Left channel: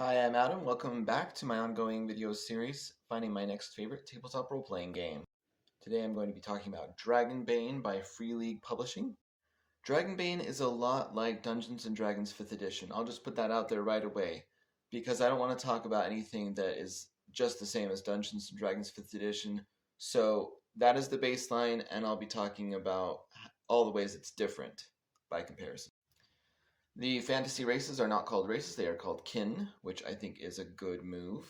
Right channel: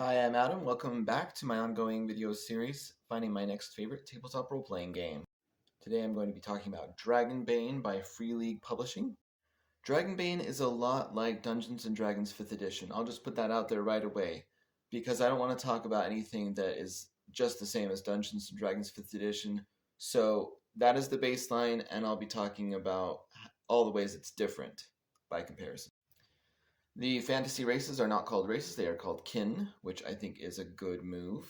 Hi, I'm Adam. Welcome back to my ongoing video series, finding my next favorite tabletop role-playing game. Today I'm going to be talking about Dragonbane by Free League Publishing. Dragonbane is a lot like Dungeons & Dragons 5th edition. I'll just put that out there right away, because I don't want to talk about anything that is just the same as Dungeons & Dragons 5th edition. So that is the baseline, and I'll be talking about all the ways it's different by comparison. The fantasy races are not called races, they are called kin, which I think is a good move.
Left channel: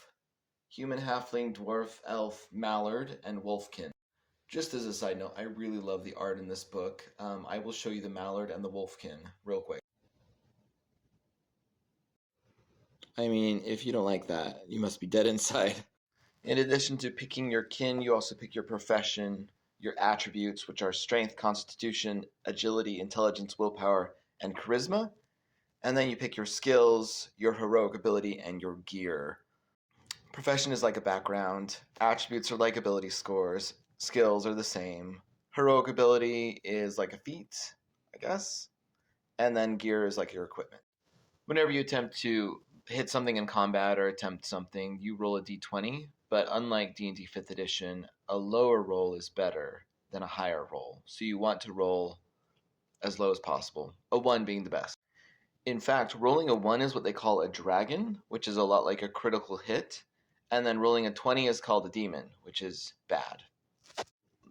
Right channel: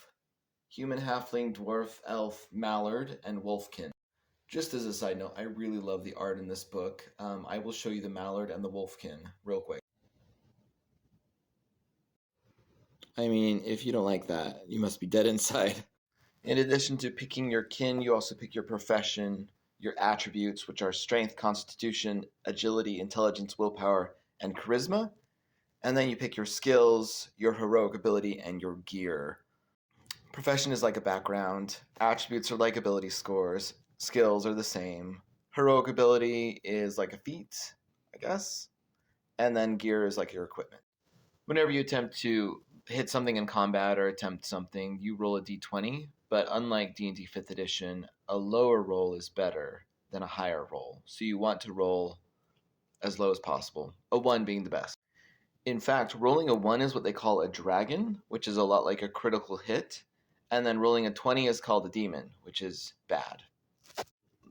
Human, halfling, dwarf, elf, mallard, and wolfkin. Just as a side note, I really love the art in this book. I will show you the mallard and the wolfkin real quick. I mean, if you don't like that, you must be dead inside. In addition to picking your kin, you also pick your profession, your attributes, which are strength, constitution, agility, intelligence, willpower, and charisma. And then you pick your skills, your heroic ability, and your gear. Profession is like a background. Attributes are like ability scores. Skills are the same. Heroic ability is like a feat, I guess. And then gear is like your equipment. Whenever you attempt to hit something in combat or attempt something, you roll a d20. But unlike D&D 5th edition, a lower roll is better than a higher roll. So you want to roll as low as possible, a 1 being the best. In fact, rolling a 1 is what they call a dragon, which is a lot like a critical hit. And then rolling a 20 is called a demon, which is bad.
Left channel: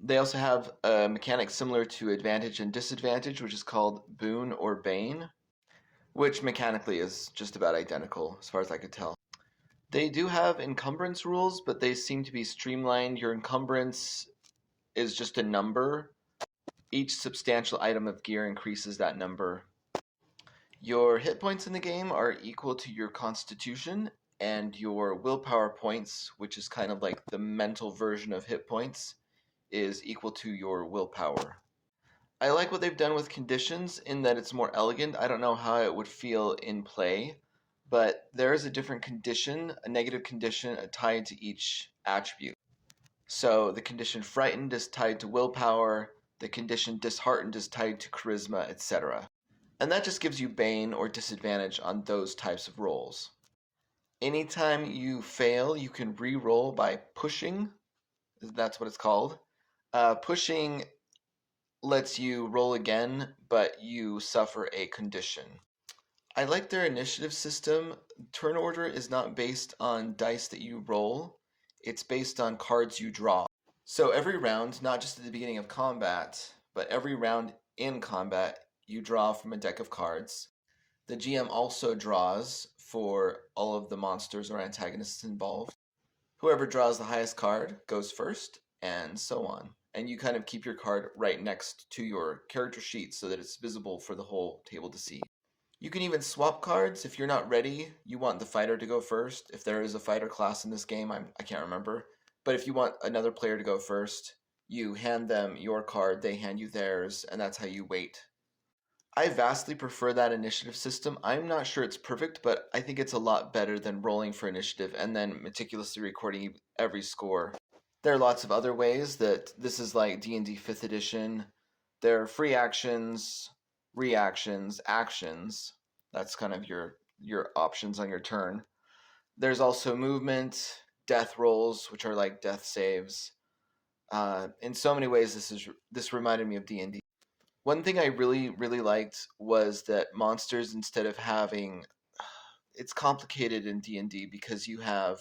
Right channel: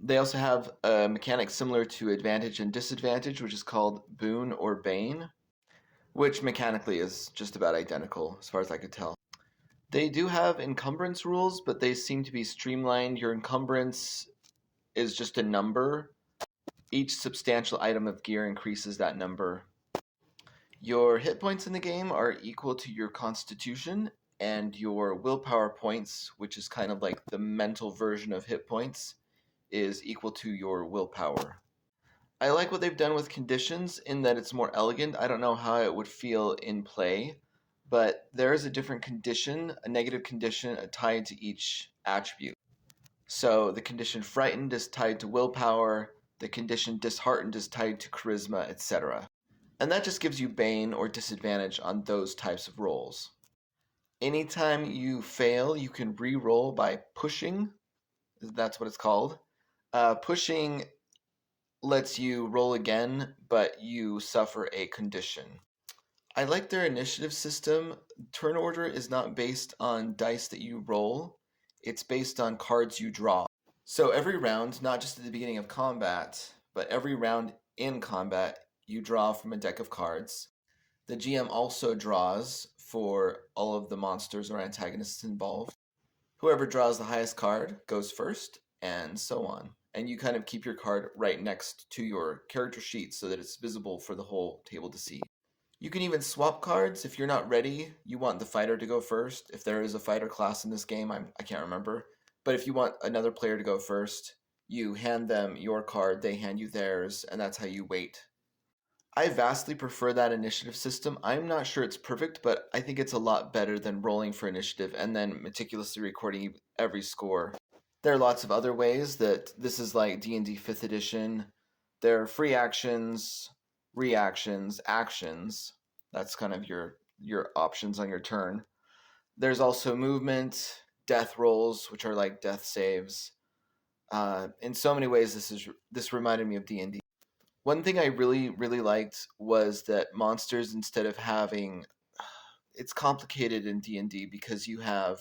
They also have a mechanic similar to advantage and disadvantage, which is called boon or bane, which mechanically is just about identical as far as I could tell. They do have encumbrance rules, but they seem to be streamlined. Your encumbrance is just a number. Each substantial item of gear increases that number. Your hit points in the game are equal to your constitution, and your willpower points, which is kind of like the mental version of hit points, is equal to your willpower. I like what they've done with conditions in that it's more elegant. I don't know how it would feel in play, but there is a different condition, a negative condition tied to each attribute. So the condition frightened is tied to willpower, the condition disheartened is tied to charisma, etc. And that just gives you bane or disadvantage on those types of rolls. Anytime you fail, you can re-roll by pushing. That's what it's called. Pushing lets you roll again, but you suffer a condition. I like their initiative system. Turn order is not based on dice that you roll. It's based on cards you draw. So every round, not just at the beginning of combat, but every round in combat, you draw from a deck of cards. The GM also draws for all of the monsters or antagonists involved. Whoever draws the highest card goes first, and so on. And you kind of keep your card right next to your character sheet so that it's visible for the whole table to see. You can even swap cards. If you're not ready, you want the fighter to go first. If there is a fighter class in this game, I can't remember. But if you want another player to go first, you hand them your card, they hand you theirs, and that's how you wait. I vastly prefer that initiative system. I'm not sure it's perfect, but I think it's a lot better than rolling for initiative and then meticulously recording every score. There are lots of other ways that this is like D&D 5th edition. There are free actions, reactions, actions. That's kind of your options on your turn. There's also movement, death rolls, which are like death saves. In so many ways, this reminded me of D&D. One thing I really, really liked was that monsters, instead of having... It's complicated in D&D because you have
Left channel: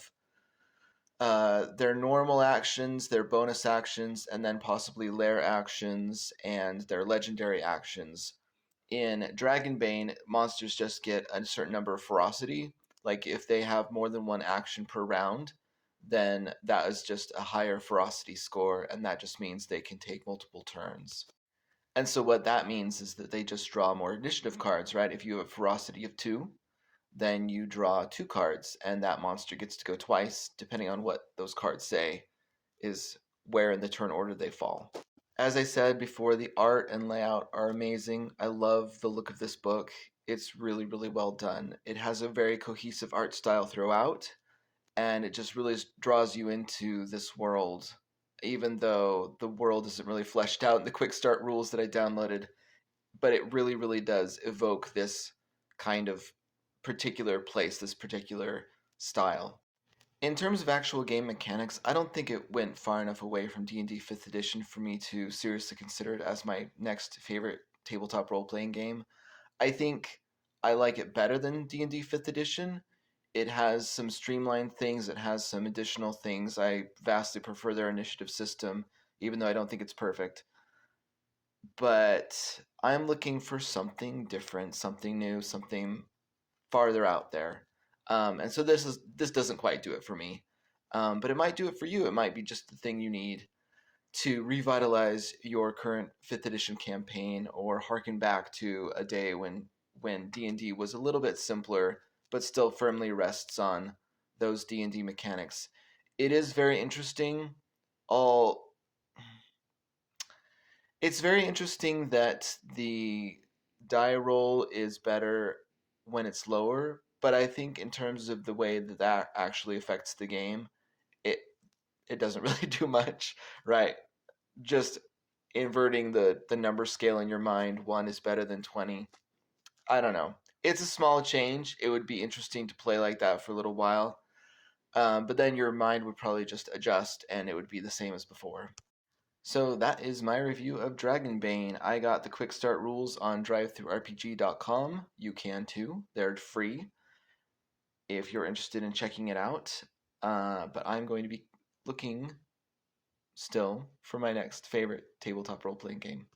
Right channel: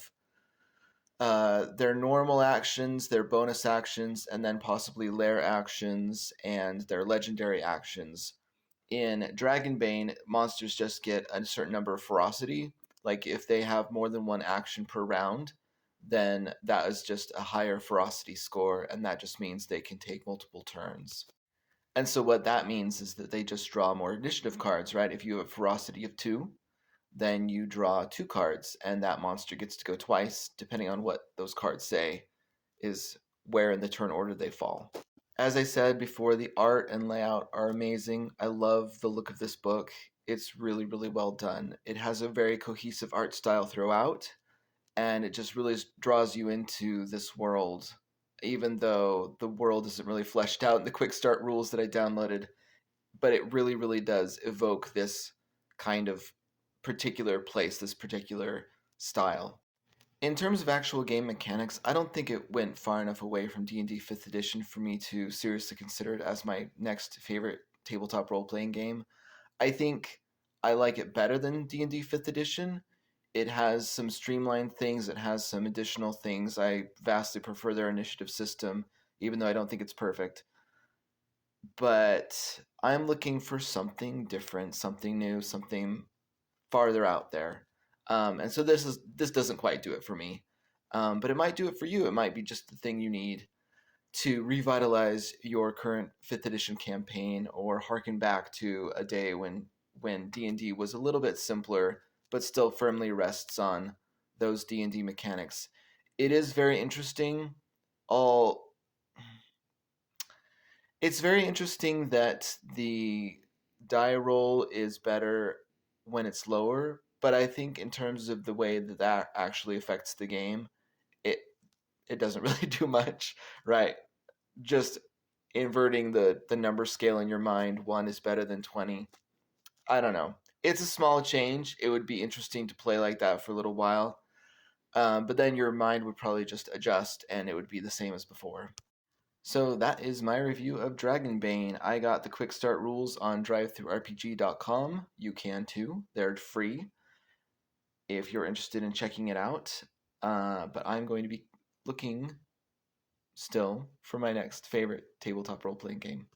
their normal actions, their bonus actions, and then possibly lair actions and their legendary actions. In Dragonbane, monsters just get a certain number of ferocity. Like if they have more than one action per round, then that is just a higher ferocity score, and that just means they can take multiple turns. And so what that means is that they just draw more initiative cards, right? If you have ferocity of 2, then you draw 2 cards, and that monster gets to go twice, depending on what those cards say, is where in the turn order they fall. As I said before, the art and layout are amazing. I love the look of this book. It's really, really well done. It has a very cohesive art style throughout, and it just really draws you into this world, even though the world isn't really fleshed out in the quick start rules that I downloaded. But it really, really does evoke this kind of particular place, this particular style. In terms of actual game mechanics, I don't think it went far enough away from D&D 5th edition for me to seriously consider it as my next favorite tabletop role-playing game. I think I like it better than D&D 5th edition. It has some streamlined things, it has some additional things. I vastly prefer their initiative system, even though I don't think it's perfect. But I'm looking for something different, something new, something farther out there. And so this doesn't quite do it for me. But it might do it for you. It might be just the thing you need to revitalize your current 5th edition campaign, or harken back to a day when D&D was a little bit simpler but still firmly rests on those D&D mechanics. It is very interesting. It's very interesting that the die roll is better when it's lower, but I think in terms of the way that actually affects the game, it it doesn't really do much, right? Just inverting the number scale in your mind, 1 is better than 20. I don't know. It's a small change. It would be interesting to play like that for a little while. But then your mind would probably just adjust and it would be the same as before. So that is my review of Dragonbane. I got the quick start rules on drivethroughrpg.com. You can too. They're free if you're interested in checking it out. But I'm going to be looking still for my next favorite tabletop role-playing game.